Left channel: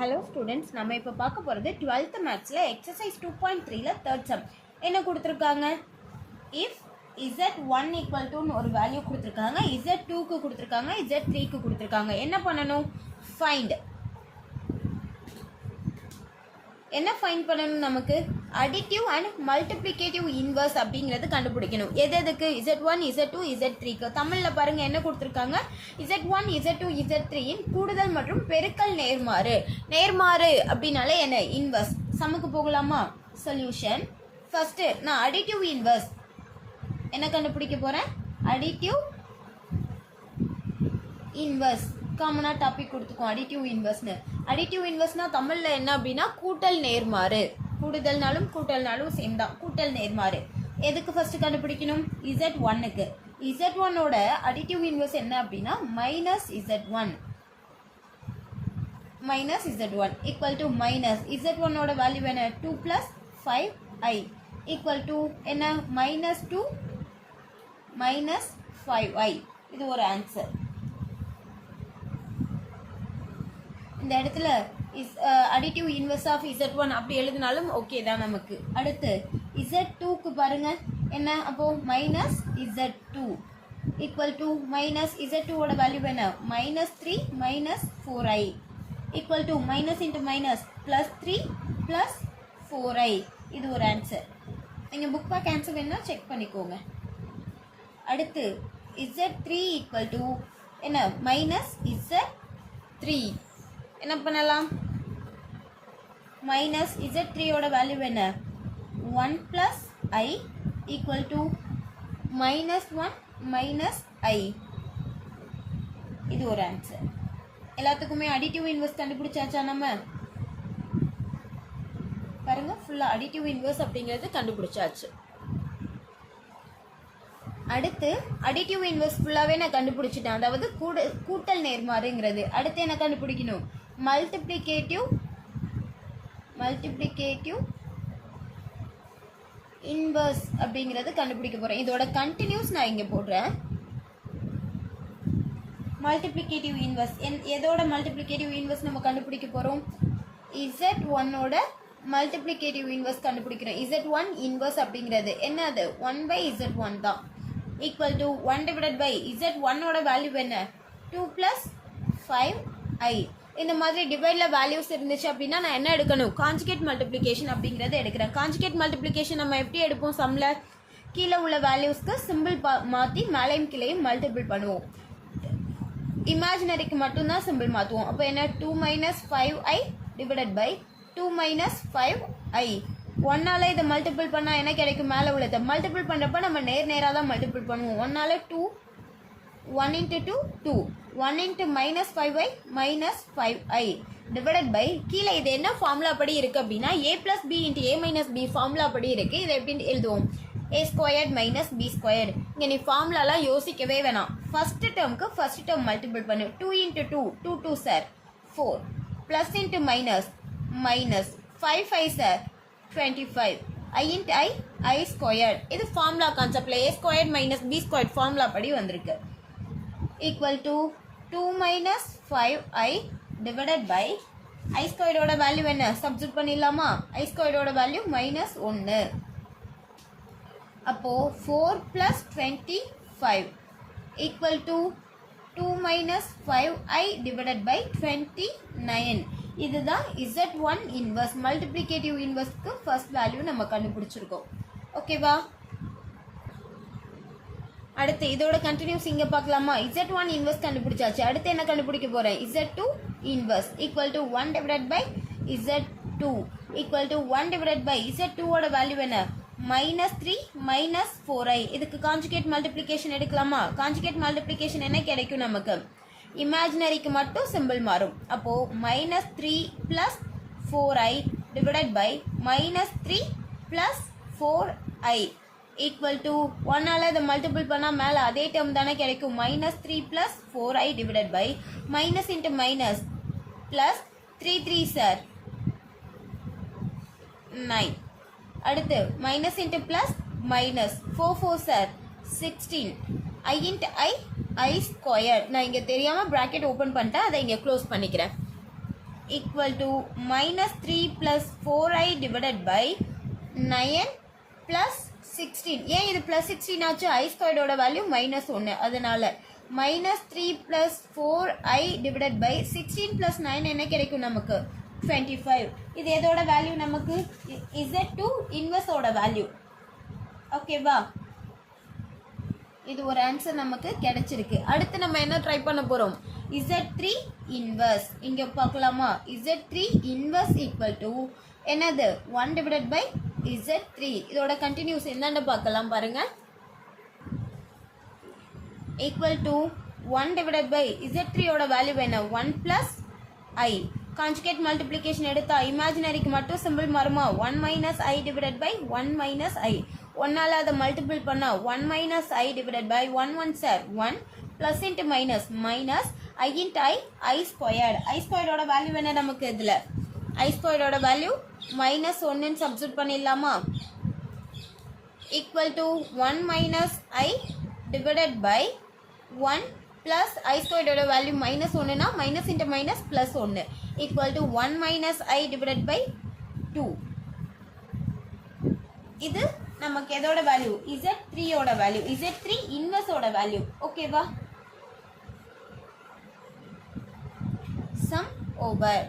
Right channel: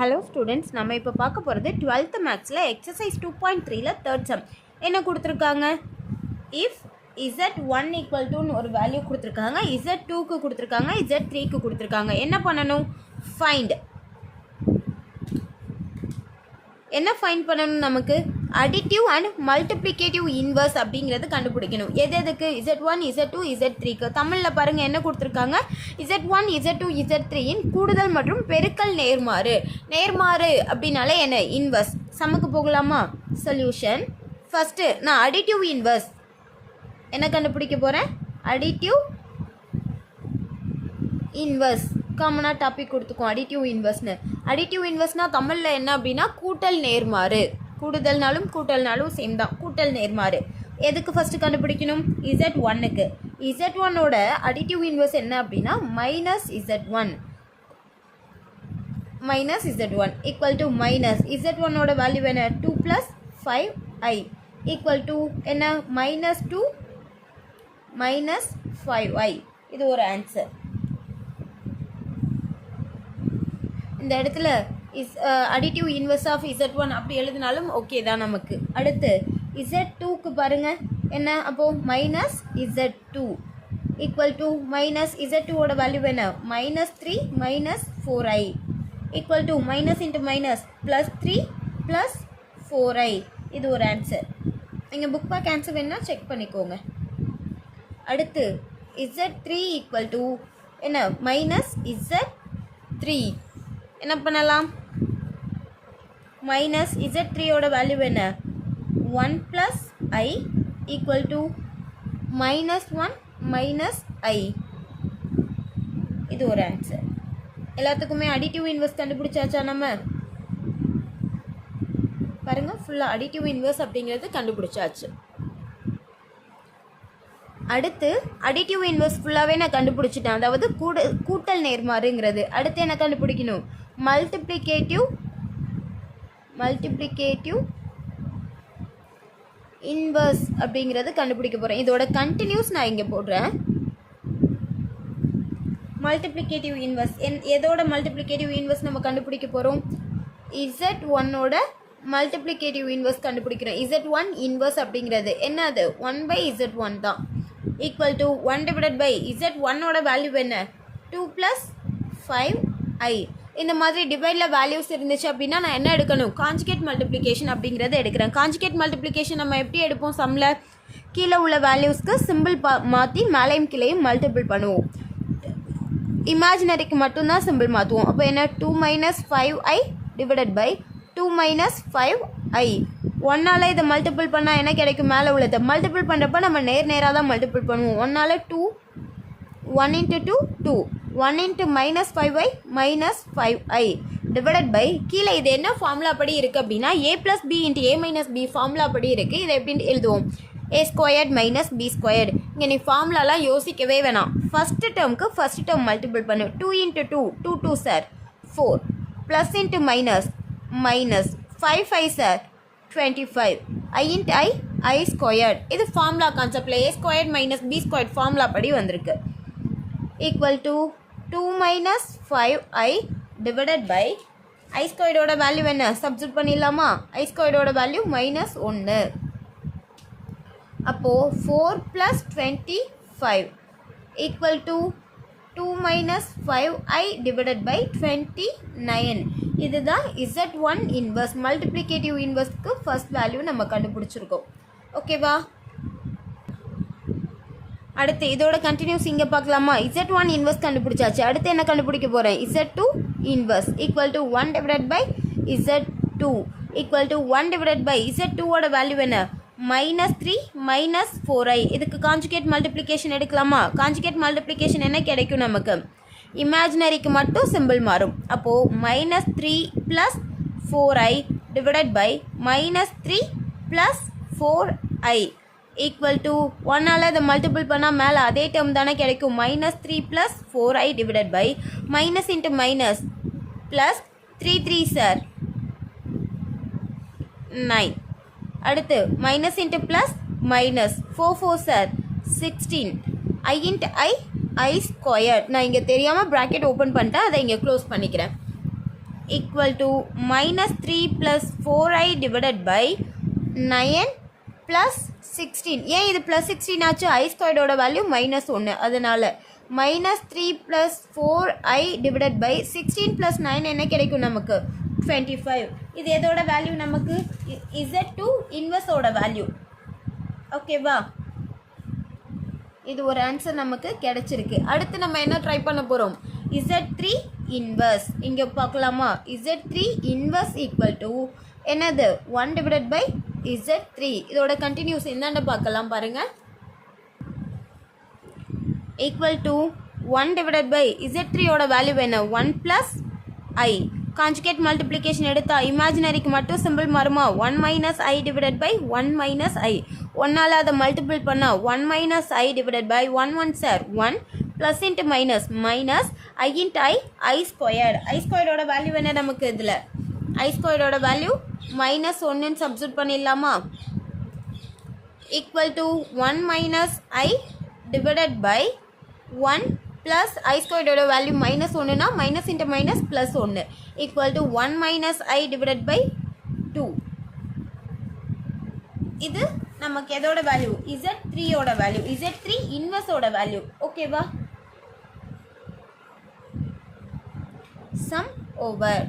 Hello students, நம்ம இப்போ பார்க்க போகிறது 12th மேக்ஸில் எக்ஸசைஸ் 2.3ல தேர்ட் சம் என்ன கொடுத்துருக்காங்க. இஃப் Z1 ஈக்குவல் டுன்னு ஒரு வேல்யூ கொடுத்துருக்காங்க, Z2க்கு கொடுத்துருக்காங்க, Z3க்கு கொடுத்துருக்காங்க. என்ன பண்ணணும்? என்ன ஃபைண்ட் பண்ணணும்? நமக்கு அடிட்டிவ் அண்ட் மல்டிப்ளிகேட்டிவ் இன்வர்ஸ் அப்படிங்கிறது கண்டுபிடிக்கணும். எதுக்கு? Z1, Z2, Z3க்கு. தமிழில் பாருங்கள் என்ன கொடுத்துருக்காங்க. Z1, Z2, Z3யின் கூடுதல் மற்றும் பெருக்கல் நேர்மாறு. நேர்மாறு அப்படின்னாலே என்ன? இன்வர்ஸ். சமக்கு போகலாமா? சொல்யூஷன். ஃபஸ்ட்டு நான் அடிட்டிவ் இன்வர்ஸ் என்ன கண்டுபிடிக்க போகிறேன்? அடிட்டிவ் இன்வர்ஸ் காமனாக டாபிக் கொடுத்துக்கோம். அடிட்டிவ் இன்வர்ஸ்னு. அடிட்டிவ் இன்வர்ஸ்னால் தமிழில் என்ன அப்படின்னா கூட்டல் நேர்மாறு. கூடுதல்னாலும் கூட்டல்னாலும் சேம் தான். கூட்டல் நேர்மாறு எதுக்கு ஃபஸ்ட்டு கண்டுபிடிக்கணும்? Z1க்கு. Z1ஓட அடிட்டிவ் இன்வர்ஸ் என்ன அப்படின்னா -Z1 ஈக்குவல் டு மைனஸ் Z1ஓட வேல்யூ என்ன? 2 + 5i ஈக்குவல் டு என்ன? -2 -5i. இது ஒரு ஆன்சர். இந்த இடத்துல அடிட்டிவ் இன்வர்ஸ் ஆஃப் Z1 அப்படி எழுதினாலும் ஓகே தான் நமக்கு. அடுத்து Z2க்கு பாருங்க என்ன? அப்போது -Z2 ஈக்குவல் டு -Z2ஓட வேல்யூ என்ன? -3 -4i equal to minus into minus +3 +4i. இது ஒரு ஆன்சர். நீங்கள் புக் பேக் ஆன்சர் வேணுன்னா செக் பண்ணிக்கோங்க. அடுத்து Z3 ஈக்குவல் டு என்ன? -Z3. என்ன பண்ணலாம்? -Z3ஓட வேல்யூ என்ன? 1 + i ஈக்குவல் டு -1 -i. இது ஒரு ஆன்சர். எல்லாத்துக்குமே அடிட்டிவ் இன்வர்ஸ் கண்டுபிடிச்சாச்சா? நம்ம பாருங்க, ஃபுல்லாக அடிட்டிவ் இன்வர்ஸ் அப்படிங்கிறது கண்டுபிடிச்சாச்சு. அடுத்து அடிட்டிவ் இன்வர்ஸ் ஃபுல்லாகவே நான் கண்டுபிடிச்சிட்டேன். அதாவது கூட்டல் நேர்மாறுங்கிறது. அடுத்து என்ன கண்டுபிடிக்கணும்? மல்டிப்ளிகேட்டிவ் இன்வர்ஸ் அப்படிங்கிறது கண்டுபிடிக்க போகிறேன். இதோட கண்டினியூஸ் நான் இங்கே போடுறேன். மல்டிப்ளிகேட்டிவ் இன்வர்ஸ் எதோட மல்டிப்ளிகேட்டிவ் இன்வர்ஸ் நம்ம கண்டுபிடிக்க போகிறோம்? Z1ஓட மல்டிப்ளிகேட்டிவ் இன்வர்ஸ் கண்டுபிடிக்கிறோம். Z1 இன்வர்ஸ் அப்படிங்கிறது என்னது? 1/Z1 தான். ஈக்குவல் டு 1 / Z1ஓட வேல்யூ என்ன? 2 + 5i. இந்த மாதிரி டிவைடில் வேல்யூஸ் இருந்துச்சு அப்படின்னா நான் என்ன எடுக்கணும்? கான்ஜுகேட் மல்டிப்ளிகேஷன் அப்படிங்கிறத எடுக்கிறேன். கான்ஜுகேட் மல்டிப்ளிகேஷன் நம்ம எப்படி எடுப்போம்? சம்மில் கீழே உள்ள வேல்யூஸ்க்கு சிம்பிள் மாற்றி மேலையும் கீழையும் மல்டிபிள் பண்ணுவோம். இமேஜினரிக்கு மட்டும்தான் சிம்பிள் மாற்றுவோம். அப்போ என்ன? 2 - 5i டிவைடட் பை 2 - 5i. 1ஆல் இதை மல்டிபிள் பண்ணால் என்ன கிடைக்கும்? மேலே உள்ளதை மல்டிபிள் பண்ணுறப்ப நம்ம நேராக தான் மல்டிபிள் பண்ணுவோம். 1ஆல் 2, 1 × 2 2, 1 × -5i -5i டிவைடட் பை கீழே இது என்ன ஃபார்முலா படி இருக்குது அப்படின்னா a + b × a - b formula படி இருக்குது. இதை எப்படி எழுதுவோம்? a² - b². இங்கே நீ ஃபார்முலாலாம் யோசிக்கவே வேணாம். ஃபஸ்ட்டு டேர்முக்கு ஃபஸ்ட் டேர்ம் மல்டிபிள் பண்ணு. 2 × 2 2 2 sir 4 plus into minus minus 5 5 sir 25 i × i² இது ஃபார்முலா கான்செப்டில் a² - b² ஃபார்முலா படி வந்திருக்கு. Equal to 2 - 5i divided by i²ஓட வேல்யூ என்ன? சப்ஸ்டிட் பண்ணிடலாமா? i²ஓட வேல்யூ -1. அப்போது 4 + 25 equal to 2 - 5i divided by 29. இதுதான் Z1 இன்வர்ஸ். மல்டிப்ளிகேட்டிவ் இன்வர்ஸ்க்கு ஃபர்ஸ்ட் வேல்யூ நம்ம கண்டுபிடிச்சிருக்கோம். ஓகேவா? அடுத்து இதோட கண்டினியூஸ் இங்கே பார்க்கலாமா? Z1 இன்வர்ஸ் கண்டுபிடிச்சாச்சு. அடுத்து என்ன கண்டுபிடிக்க போகிறேன்? Z2 inverse equal to 1 divided by Z2 equal to 1 divided by Z2ஓட வேல்யூ என்ன? -3 -4i. இதுக்கு கான்ஜுகேட் மல்டிப்ளிகேஷன் எடுக்கலாமா? கான்ஜுகேட் மல்டிப்ளிகேஷன் என்ன கிடைக்கும் நமக்கு? இமேஜினரிக்கு மட்டும் சிம்பிள் மாறும். அப்போது -3 + 4i divided by -3 + 4i equal to 1ஆல் அதை மல்டிபிள் பண்ணால் மேலே அதே டேர்ம் தானே கிடைக்கும். -3 + 4i divided by minus into minus plus 3 3 சார் 9. அடுத்து மைனஸ் இன்ட்டு ப்ளஸ் மைனஸ் 4 4 சார் 16 i × i² நான் இங்கே தெரியாமல் ப்ராக்கெட் ஓப்பன் பண்ணிட்டேன். அதை இங்கே க்ளோஸ் பண்ணிக்கிறேன். equal to minus 3 plus 4i divided by 9 plus 16. ஏன் இது plus 16 ஆச்சு? I squared ஓட வேல்யூ minus 1, அதனால minus 3 plus 4i divided by 16 plus 9 என்ன கிடைக்கும் நமக்கு? 25. இது எதோட வேல்யூ நமக்கு? Z2 inverse ஓட வேல்யூ. ஓகேவா? இது ஒரு ஆன்சர் நமக்கு கிடைச்சிருக்கு. அடுத்து நம்ம என்ன ட்ரை பண்ண போகிறோம்? Z3 inverse. இங்கே பார்க்கலாமா? Z3 inverse equal to என்னது? 1 divided by Z3. இதோட கண்டினியூஸ் என்னன்னு பார்க்கலாம் பாருங்க. equal to 1 divided by Z3 ஓட வேல்யூ என்ன? 1 plus I. கான்ஜுகேட் மல்டிப்ளிகேஷன் எடுத்தா இமேஜினரிக்கு மட்டும் சிம்பிள் மாறுமா? 1 minus I divided by 1 minus I. ஒன்னால் அதை மல்டிபிள் பண்ணால் 1 minus I divided by 1 1 sir 1 plus into minus minus I into I squared. I squared ஓட value என்ன நமக்கு? இதில் I squared ஓட வேல்யூ minus 1 சப்ஸ்டிட் பண்ணிடலாமா? equal to 1 minus I divided by 1 plus I squared ஓட value minus 1 னா minus into minus plus 1 equal to 1 minus I divided by 2. இது நமக்கு எதோட வேல்யூ? Z3 ஓட வேல்யூ, Z3 இன்வெர்ஸ் ஓட value. ஓகேவா? Some over.